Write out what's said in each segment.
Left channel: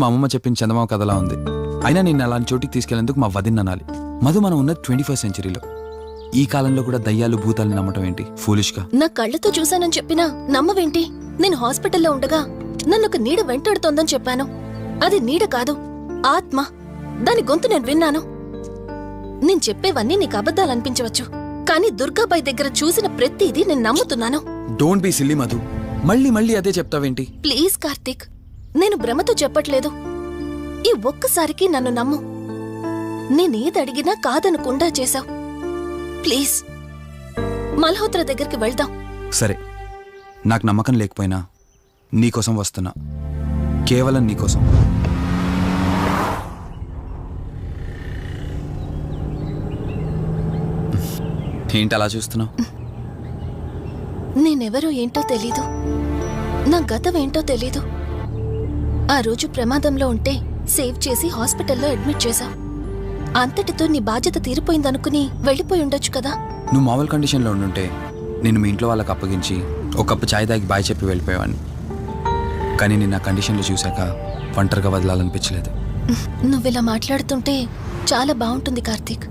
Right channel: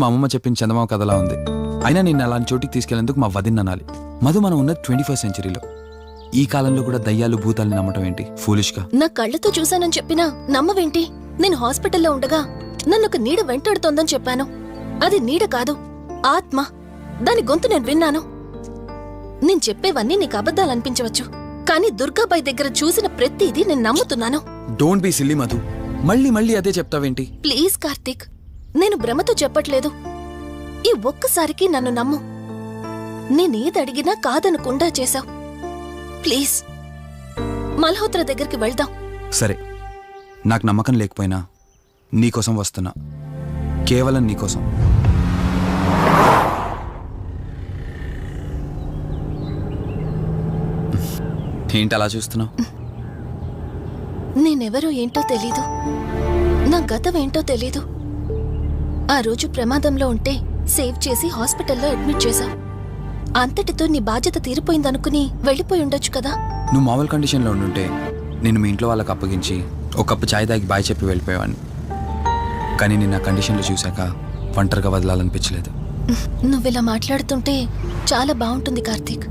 మా అమ్మమ్మ చెప్పిన చందమామ కథలా ఉంది. అయినా నిన్ను అలాంటి చోటికి తీసుకెళ్లేందుకు మా వదిన అనాలి. మధు, మనం ఉన్న 21st సెంచరీలో. ఈ కాలంలో కూడా దయ్యాలు భూతాల్ని నమ్మటం ఏంటి ఫూలిష్ గా? నా కళ్ళతో చూశానని చెప్పినా నమ్మవేంటి? నేను హాస్పిటల్లో ఉండగా నన్ను ఒక నీడ వెంటాడుతోందని చెప్పాను. అది నీడ కాదు, ఆత్మ. దాని గొంతు నేను విన్నాను. నేను చెప్పేవన్నీ నీకు అబద్ధాలనిపించవచ్చు, కానీ దుర్గాబాయ్ దగ్గర చూసిన ప్రతిదీ నేను నమ్ముతున్నాను. డోంట్ బీ సిల్లీ మధు, మళ్ళీ మళ్ళీ అదే చెప్తావేంటి? ప్లీజ్ కార్తీక్, నేను భ్రమతో చెప్పట్లేదు. ఈ ఒక్కసారికి నన్ను నమ్ము. నేనేదడిగినా కాదనకుండా చేశావు. ప్లీజ్, మల్హోత్రా దగ్గరికి వెళ్దాం. సరే, నాకు నమ్మకం లేకపోయినా నీకోసం వస్తున్నా, కేవలం నీకోసం. ఏంటి అలా చూస్తున్నావు? నేనెవరో ఏంటో తెలీదు, నా గతం ఏంటో తెలీదు. ఆ రోజు ప్రమాదంలో ఉంటే సేవ్ చేసి హాస్పిటల్లో అడ్మిట్ చేశావు. అంతటితో నీ బాధ్యత తీరిపోయిందనుకుని వెళ్ళిపోయి ఉండొచ్చు కదా. నువ్వు మామూలు కండిషన్లో ఉండుంటే నేను మీ ఇంట్లో వాళ్ళకి అప్పగించి ఒక కప్పు ఛాయ్ తాగి బాయ్ చెప్పి వెళ్ళిపోయేవాడిని. కానీ నేను ఆ కండిషన్లో చూశాక ఒంటరిగా వదలాలనిపించలేదు. నువ్విలా మాట్లాడుతుంటే చాలా బాగుంటుంది కార్తీక్,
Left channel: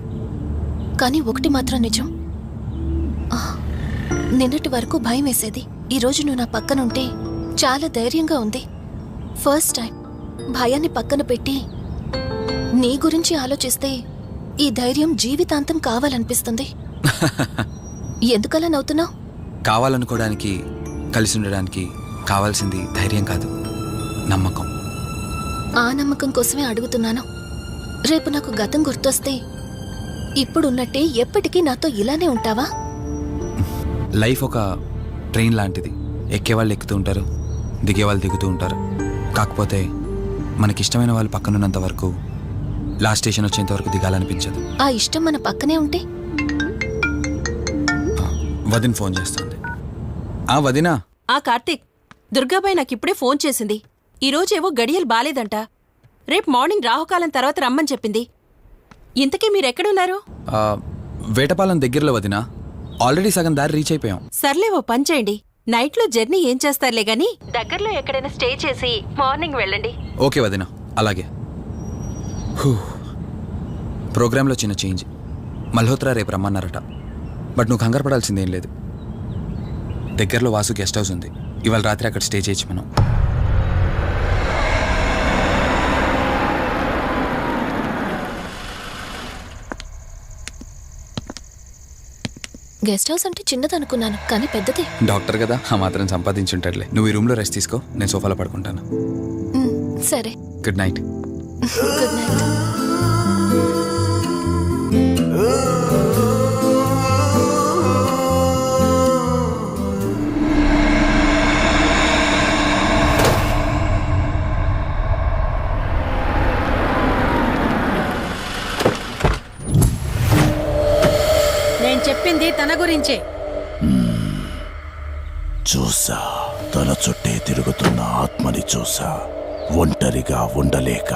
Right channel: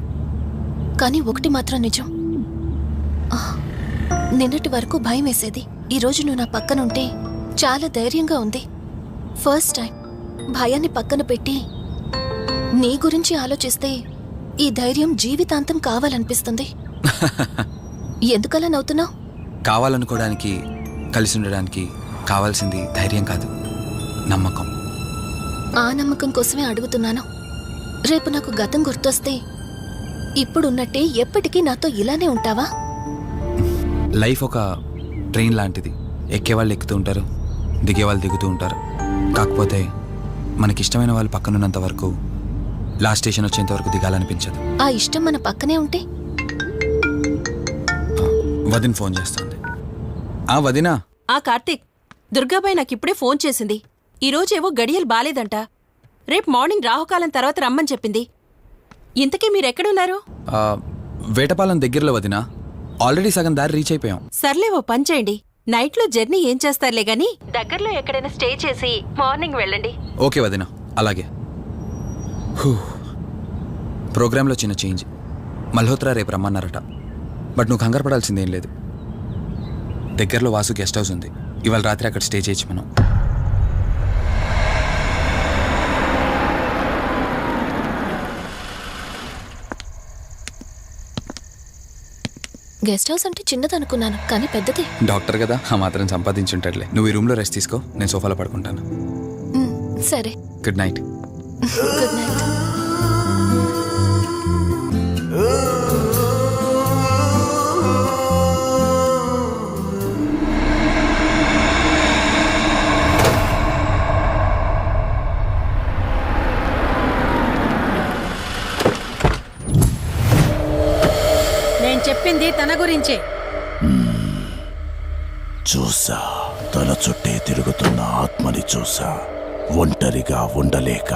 కానీ ఒకటి మాత్రం నిజం. నిన్నటి వరకు భయం వేసేది, ఈరోజు నువ్వు నా పక్కనుంటే చాలా ధైర్యంగా ఉంది. ఫస్ట్ టైం భయాన్ని పక్కన పెట్టి నీ గురించి ఆలోచిస్తే ఈ ధైర్యం జీవితాంతం కావాలనిపిస్తుంది. ఎందుకలా నవ్వుతున్నావు? కావాలనుకోవడానికి, కలిసి ఉండడానికి కావాల్సింది ధైర్యం కాదు, నమ్మకం. ఆ నమ్మకం కోసమే అడుగుతున్నాను. రేపు నాకు గతం గుర్తొస్తే ఇప్పుడున్నట్టే ఎప్పటికీ నాతో ఇలానే ఉంటావా? లైఫ్ ఒక ట్రైన్ లాంటిది. ఎక్కేవాళ్ళు ఎక్కుతూ ఉంటారు, దిగేవాళ్ళు దిగుతూ ఉంటారు. కాకపోతే మనకిష్టమైన వాళ్ళు పక్కనున్నంత వరకు, లాస్ట్ స్టేషన్ వచ్చేంత వరకు దిగాలనిపించదు. ఆ ఇష్టం మన పక్కనే ఉంటే? వదిన ఫోన్ చేస్తుంది. వదినా. కార్తీక్, దుర్గాబాయ్ నాకిప్పుడే ఫోన్ చేసింది. ఈరోజేవో గడియలు బాలేదంట. రేపు మార్నింగ్ రాహుకాలం తర్వాత రమ్మని చెప్పింది. ఇంతకీ మీరెక్కడున్నారు? వేటపాలెం దగ్గరలో వదినా. ఆల్రెడీ సగం దారి రీచ్ అయిపోయాం. సర్లే, ఓ పని చేయండి. నైట్లో జర్నీ ఏం చేస్తారులే గాని దగ్గరలో ఎక్కడైనా స్టే చేసి మార్నింగ్ వెళ్ళండి. ఓకే వదినా, అలాగే. ప్రోగ్రాంలో చిన్న చేంజ్. మల్హోత్రా రేపు రమ్మన్నారట. బట్ నువ్వు కంగారు పడాల్సిందేం లేదు. దగ్గరలో వాసు గెస్ట్ హౌస్ ఉంది. ఇవాళ రాత్రి అక్కడ స్టే చేయొచ్చు మనం. గెస్ట్ హౌస్ అంటే చిన్నదనుకున్నాను, కానీ పెద్దదే. డాక్టర్ కదా, ఆ మాత్రం సంపాదించుంటాడులే. నువ్వు ఈ రూమ్లో రెస్ట్ తీసుకో, నేను సోఫాలో పడుకుంటాను. సరే, గుడ్ నైట్. Good night. నేను చెప్పింది తన గురించే. చూసా, తన చుట్టే తిరుగుతున్న ఆత్మని చూసా. ఒంటరిగా ఉండలేక,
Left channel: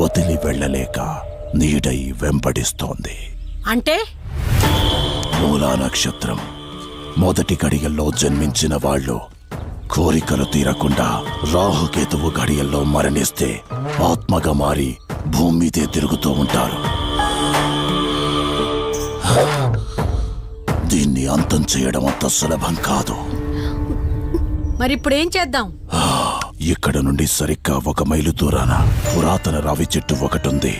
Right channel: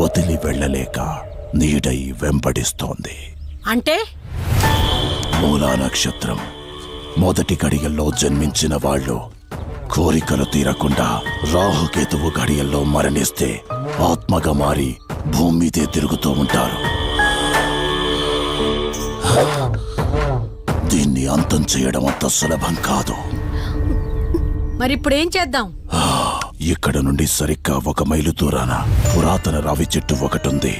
వదిలి వెళ్ళలేక నీడై వెంబడిస్తోంది. అంటే మూలా నక్షత్రం మొదటి గడియల్లో జన్మించిన వాళ్ళు కోరికలు తీరకుండా రాహుకేతువు గడియల్లో మరణిస్తే ఆత్మగా మారి భూమి మీదే తిరుగుతూ ఉంటారు. దీన్ని అంతం చేయడం అంత సులభం కాదు. మరిప్పుడేం చేద్దాం? ఇక్కడ నుండి సరిగ్గా 1 మైలు దూరాన పురాతన రావి చెట్టు ఒకటుంది.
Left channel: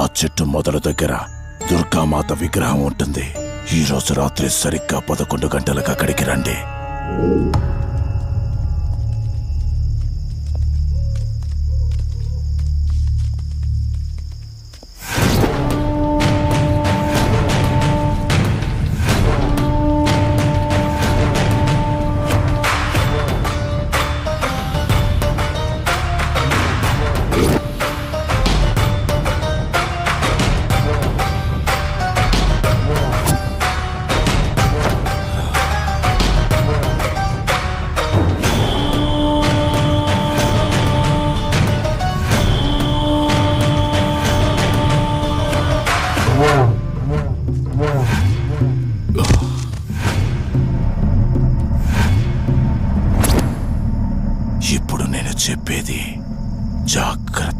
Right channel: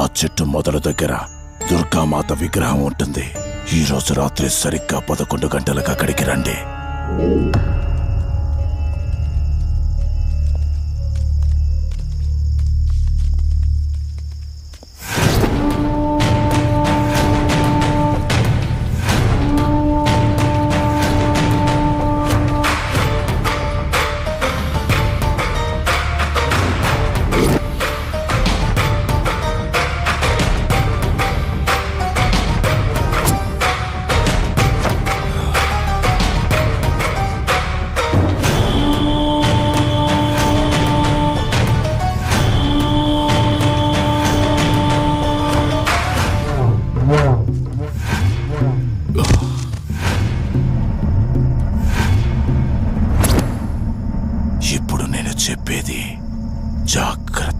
ఆ చెట్టు మొదలు దగ్గర దుర్గామాత విగ్రహం ఉంటుంది. ఈ రోజు రాత్రి సరిగ్గా 11 గంటలకు అక్కడికి రండి.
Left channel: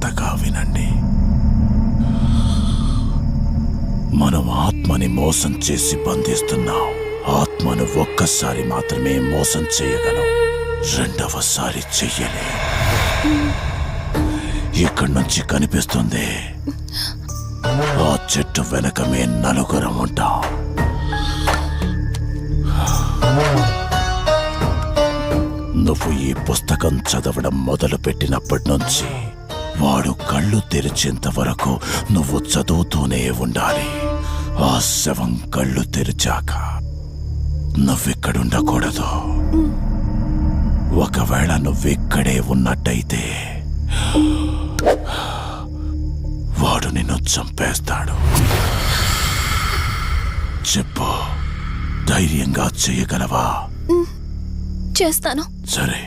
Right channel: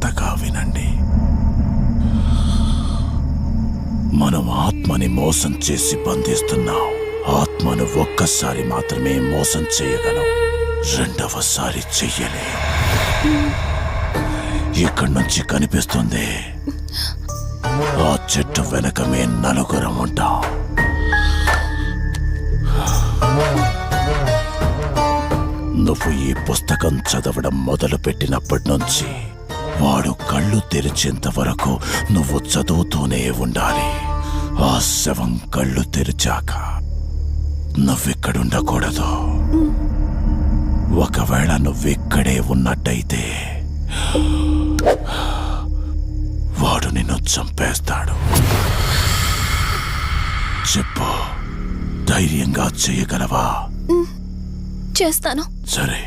జాగ్రత్తగా వినండి. మనం ఆత్మని మోసం చేసి బంధిస్తున్నాం. ఆత్మను ఒక్కసారి మాత్రమే మోసం చేయగలం, రెండవసారి చెయ్యలేం. ఇక్కడి నుంచి కనిపిస్తుంది, ఆ చెట్టు వెనకమే నలుగురం ఉంటాం. నువ్వు ఈ పుస్తకం చదవడం మొదలుపెట్టినప్పటి నుంచి వాడు కళ్ళు తెరిచేంత వరకు నువ్వు చదువుతూనే ఉండాలి. ఆ శవం కళ్ళు తెరిచాక నువ్విక్కడుండకూడదు. ఒకవేళ నువ్విక్కడే ఉన్నట్టయితే వాడు నిన్ను చంపేస్తాడు. చెప్పు, ధైర్యంగా చేయగలవా? చేస్తాను. సరే,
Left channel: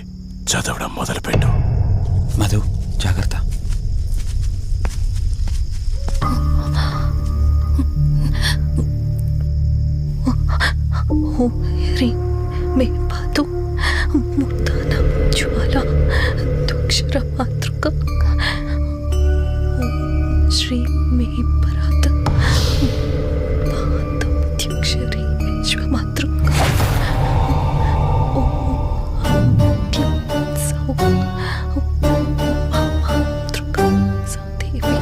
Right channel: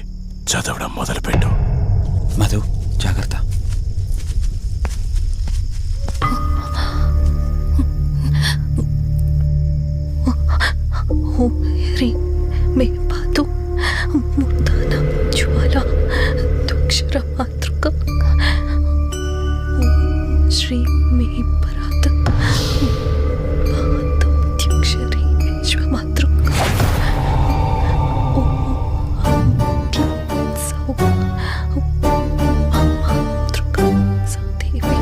చదవడం మొదలుపెట్టు. మధు, జాగ్రత్త. ఓం హ్రీం మే పాతు మూర్ధాన జ్వాల దుక్షర మాతృక. ఓం శ్రీం మే పరాత పాతం త్యక్షరీ విశ్వమాతృక. ఓం హం క్లీం సౌ మాతృక సాదేవి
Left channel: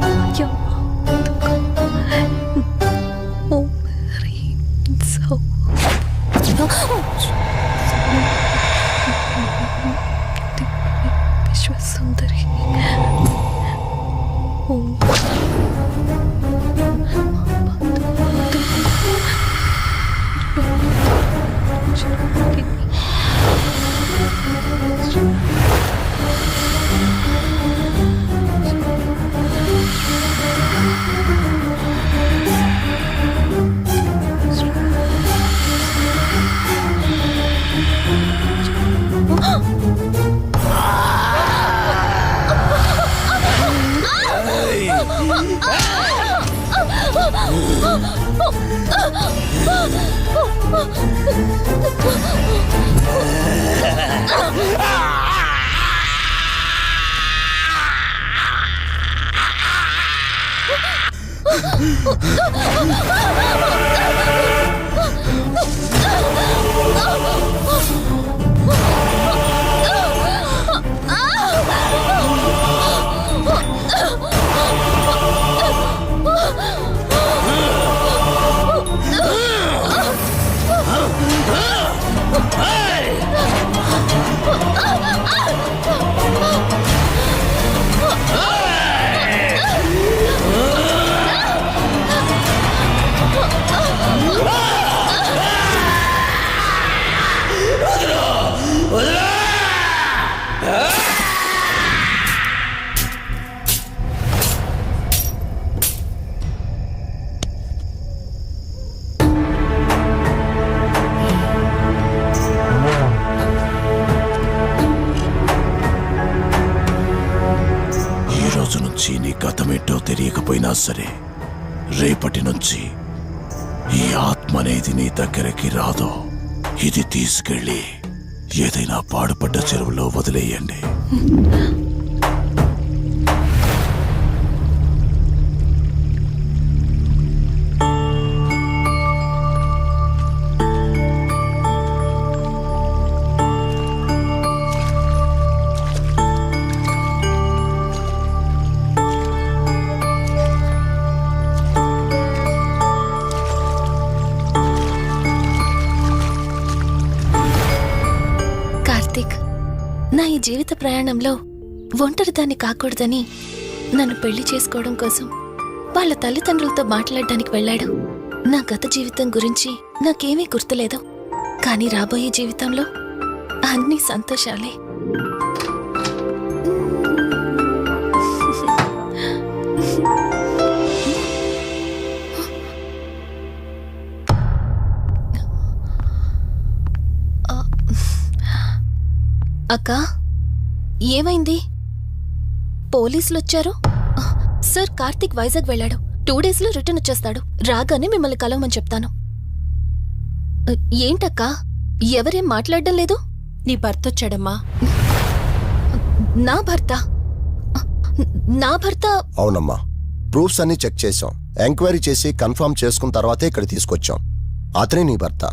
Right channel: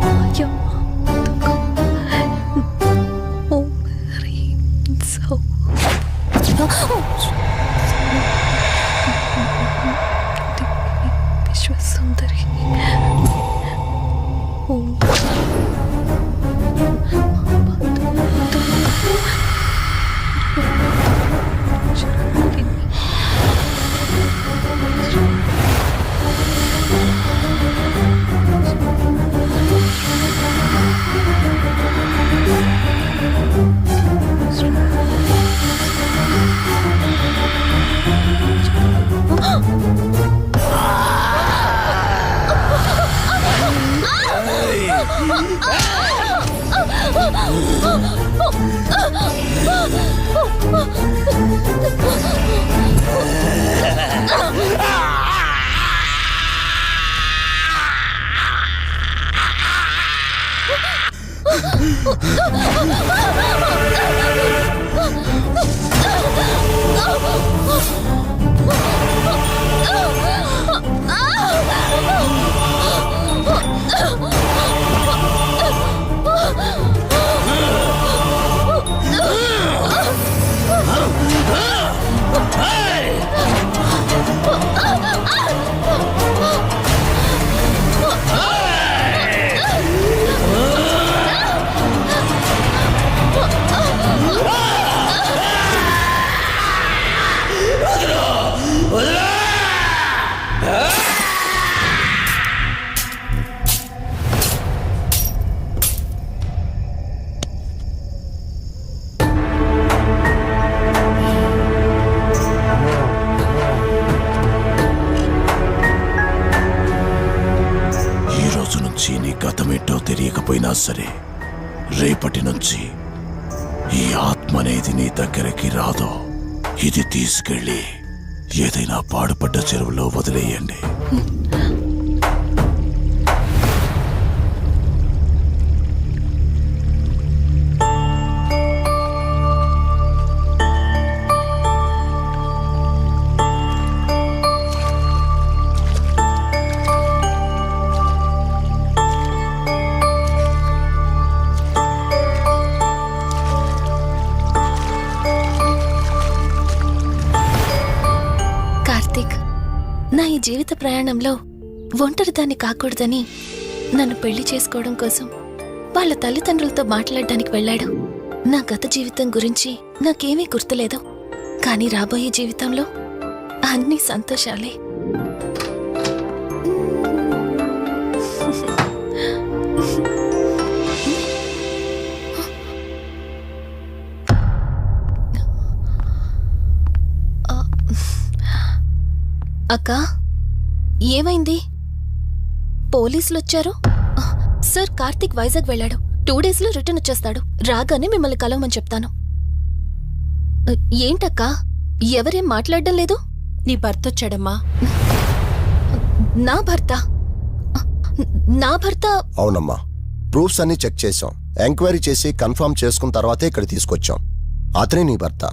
మాయా మాతృక. ఓం హ్రీం సౌ విశ్వసుందరి. ఓం నీ గతమేంటో తెలియకపోయినా సరే, రేపటి నుంచి ఈ ఆత్మ అనేది నీ దగ్గరికి రాదు. ఇది తీసుకెళ్ళి ఏదైనా పాడుపడ్డ చెరువులో వదిలేయండి. కార్తీక్, నా ఈ జీవిత ప్రయాణంలో ఒంటరిదాన్ని కాకూడదని నన్ను పెళ్లి చేసుకోవడం కోసం వాళ్ళ తల్లిదండ్రులతో మాట్లాడడానికి వెళ్ళాడు. నా గత జీవితం గురించి నాకేమీ గుర్తులేదు, కానీ రాబోయే జీవితంలో అన్ని సంతోషాలే. అక్కా, ఏమైంది? పోలీసులు వచ్చారు. సార్, కార్తీక్ వైజాగ్ వెళ్ళాడు. 2 డేస్లో రిటర్న్ వచ్చేస్తాడు. రాగానే మిమ్మల్ని కలవమని చెప్తాను. ఏంటక్కా, ఎవరేం మాట్లాడడం లేదు? నీ భర్త వచ్చాడమ్మా. నా భర్త? నా భర్త అవునమ్మా, ప్రూఫ్స్ అన్ని చెక్ చేశాం. ఎంక్వైరీ చేసి కన్ఫర్మ్ చేసుకున్న తర్వాతే ఇక్కడ తీసుకొచ్చాం. అతనే నీ భర్త.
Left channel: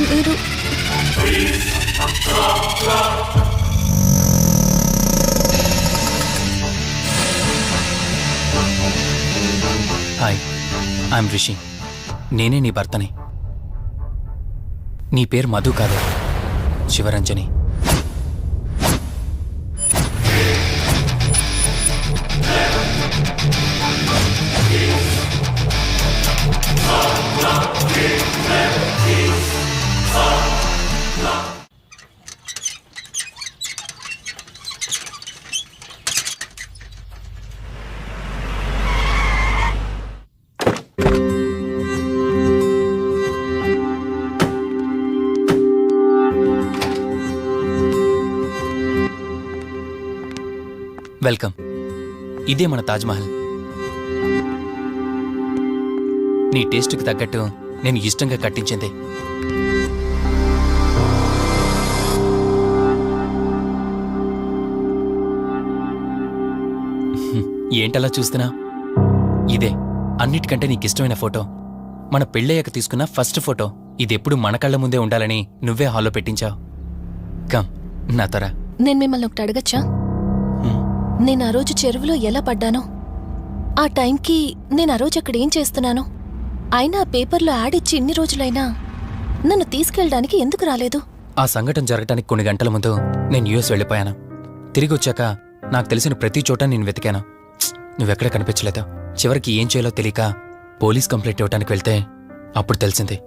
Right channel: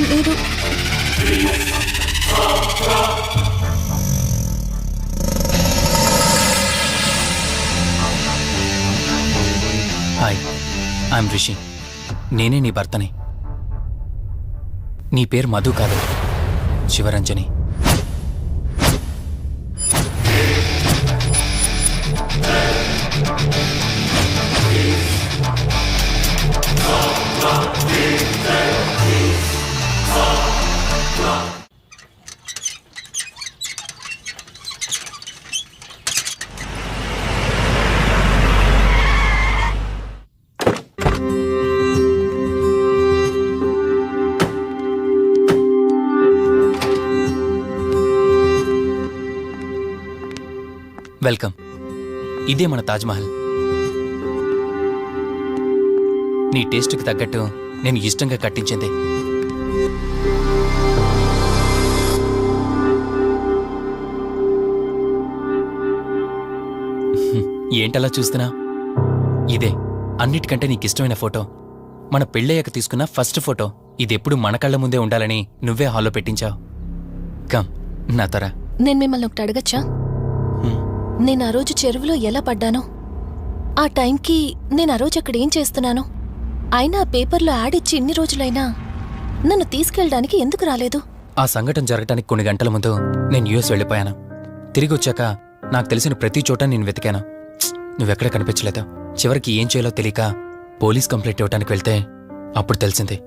మీరు హాయ్, ఐఎమ్ రిషి. నేనే నీ భర్తని. నీ పేరు మధు కాదు, శివరంజని. వెల్కమ్. ఇదే మన తాజ్మహల్. నీ టేస్ట్కి తగ్గట్టు నేను ఇష్టంగా కట్టించింది. ఏంటలా చూస్తున్నా? ఇదే అన్నిటికంటే నీకిష్టమైన ఫోటో. మన పెళ్ళయ్యాక తీసుకున్న ఫస్ట్ ఫోటో. ఇదెప్పుడు మన కళ్ళ ముందే ఉండాలని నువ్వే హాల్లో పెట్టించావు. కమ్ నా తర. నేను మిమ్మల్ని ఒకటి అడగచ్చా? నేను ఆ రోజు చెరువులో ఎలా పడ్డానో, ఆ టైంకి నేను ఆ రోజు అక్కడ ఏం చేస్తున్నాను, అయినా ఆ పేపర్లో యాడ్ ఇచ్చి ఇన్ని రోజులైనా నన్ను తీసుకెళ్ళడానికి ఎందుకు రాలేదు? ఆ సంఘటన జరగటానికి కొన్ని గంటల ముందు నేను యుఎస్ వెళ్ళిపోయాను. తిరిగి వచ్చాక నాకు తెలిసిన ప్రతి చోట నేను వెతికాను. నువ్వెక్కడ కనిపించలేదు. చివరికి ఏం చేయాలో తెలియక పోలీస్ కంప్లైంట్ ఇవ్వడానికి వెళ్తే అప్పుడు తెలిసింది